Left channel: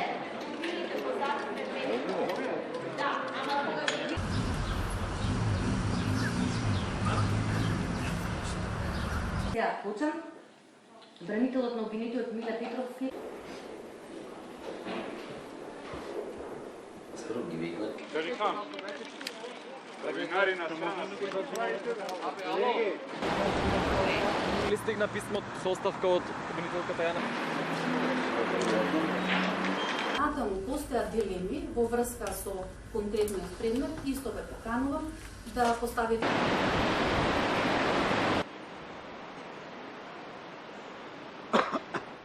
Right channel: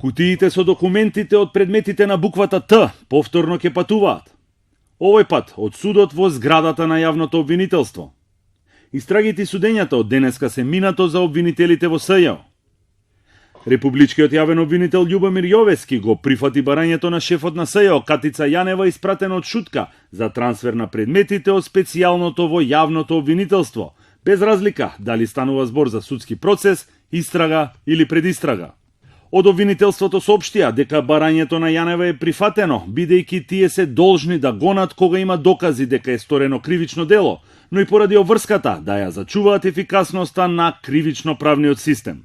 Кутиите со документите од предметите на буквата Т повторно ќе патуваат. Овој пат од судот во зградата на јавното обвинителство. Истрагите и судењата од денеска се минато за обвинителите во СЈ. Републичкиот јавен обвинител Љубомир Јовески го прифати барањето на шефот на СЈ Катица Јанева испратено од Шутка за трансфер на предметите од специјалното во јавното обвинителство, без разлика дали станува збор за судски процес, истрага или предистрага. Од обвинителството соопштија дека барањето на Јанева е прифатено, бидејќи тие се должни да гонат кога има докази дека е сторено кривично дело, но и поради обврската да ја зачуваат ефикасноста на кривично-правниот систем.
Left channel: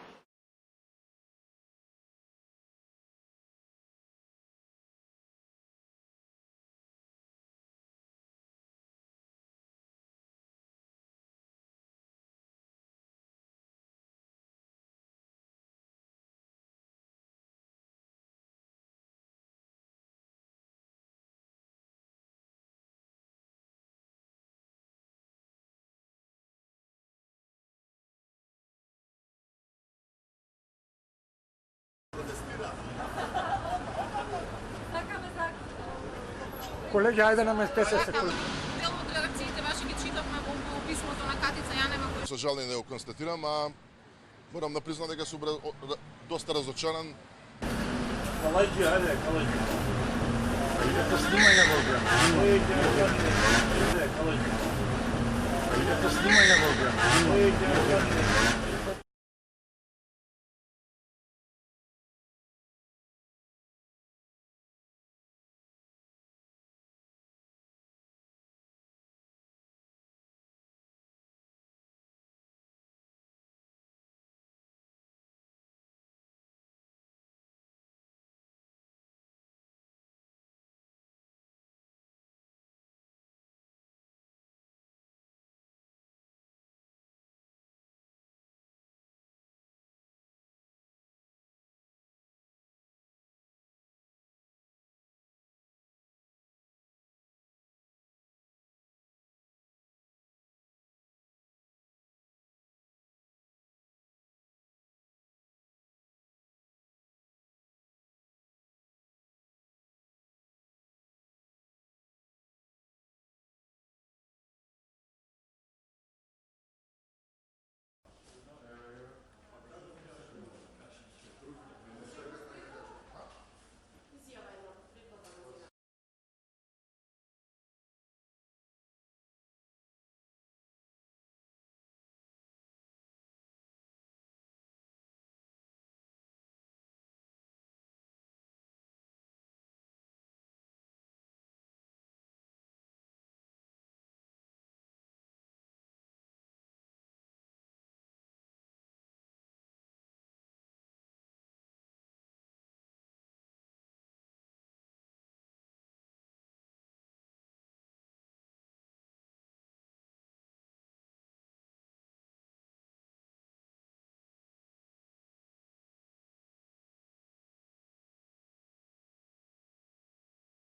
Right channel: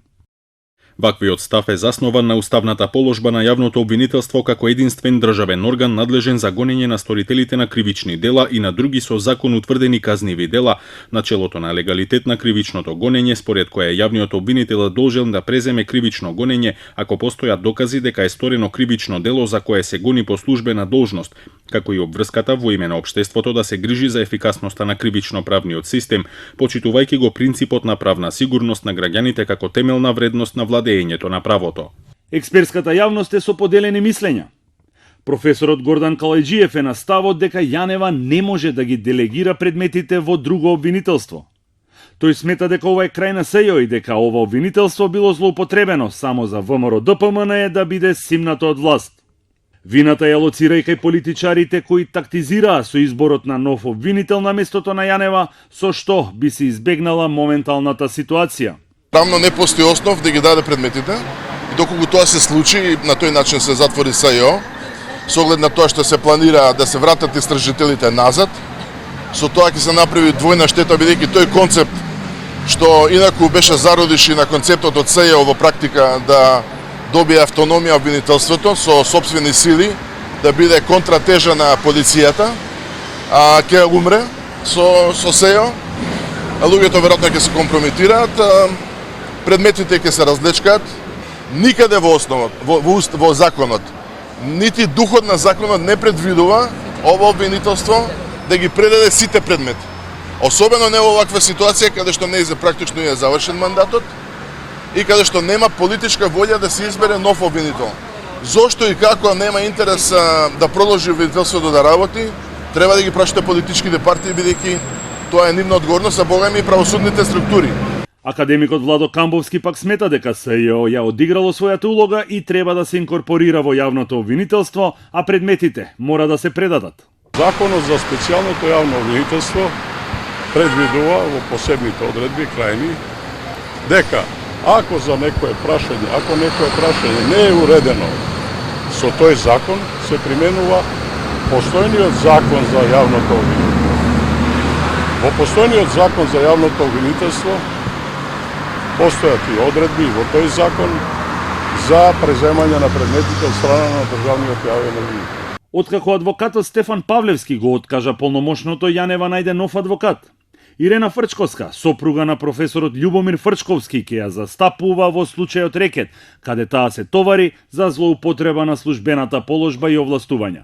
Ваквиот став е заснован на уставната положба на јавното обвинителство како единствен државен орган надлежен за гонење на сторителите на кривични дела и на други со закон утврдени казниви дела, начелото на легалитет на кривичното гонење, според која јавниот обвинител е должен да преземе кривично гонење ако постојат докази дека е сторено кривично дело за кое се гони по службена должност, како и обврската во име на општеството да се грижи за ефикасноста на кривично-правниот систем, почитувајќи го принципот на правна сигурност на граѓаните како темелна вредност на владењето на правото. Експертската јавност е со поделени мислења. Професорот Гордан Калајџиев е на ставот дека Јанева не може да ги делегира предметите во друго обвинителство. Тој смета дека ова е крај на СЈ и дека ова обвинителство било злоупотребено само за ВМРО ДПМН е да биде симнато од власт. Вината ја лоцира и кај политичарите кои тактизираа со изборот на нов обвинител на местото на Јанева, со што би се избегнала моменталната ситуација. Правно не постои основ да ги даде предметите и доколку тоа се случи и на тој начин се затвори СЈ, со оглед на тоа што се планира да се вратат истражителите назад, со тоа ќе се направи двојна штета бидејќи тој концепт што инаку беше зародиш и на концептот од СЈ во практика да добие автономија обвинителството со сопствени сили, да биде контратежа на полицијата, а ќе умре со СЈ, а луѓето веројатно ќе се компрометираат, предметите ќе се разлечкаат, никаде во основот, во законот, нити духот на законот не предвидува ова обвинителство да ги предаде сите предмети. Особено не во оваква ситуација каде што практично е завршен мандатот и каде што нема политичка волја да се избере нов обвинител. Зошто и како нема интерес да продолжи обвинителството да работи, треба да ги прашате политичките партии бидејќи тоа е нивна одговорност, а богами и правосудните структури. Академикот Владо Камбовски пак смета дека СЈ ја одиграло својата улога и треба да се инкорпорира во јавното обвинителство, а предметите мора да се предадат. Законот за специјалното јавно обвинителство предвидува во посебните одредби крајни дека ако за некое прашање не е уредено со тој закон, се применува постојниот закон за јавното обвинителство. Во постојниот закон за јавното обвинителство постојат и одредби во тој закон за преземање на предметите од страна на државниот јавен обвинител. Откако адвокатот Стефан Павлевски го откажа полномошното, Јанева најде нов адвокат. Ирена Фрчковска, сопруга на професорот Љубомир Фрчковски, ќе ја застапува во случајот рекет, каде таа се товари за злоупотреба на службената положба и овластувања.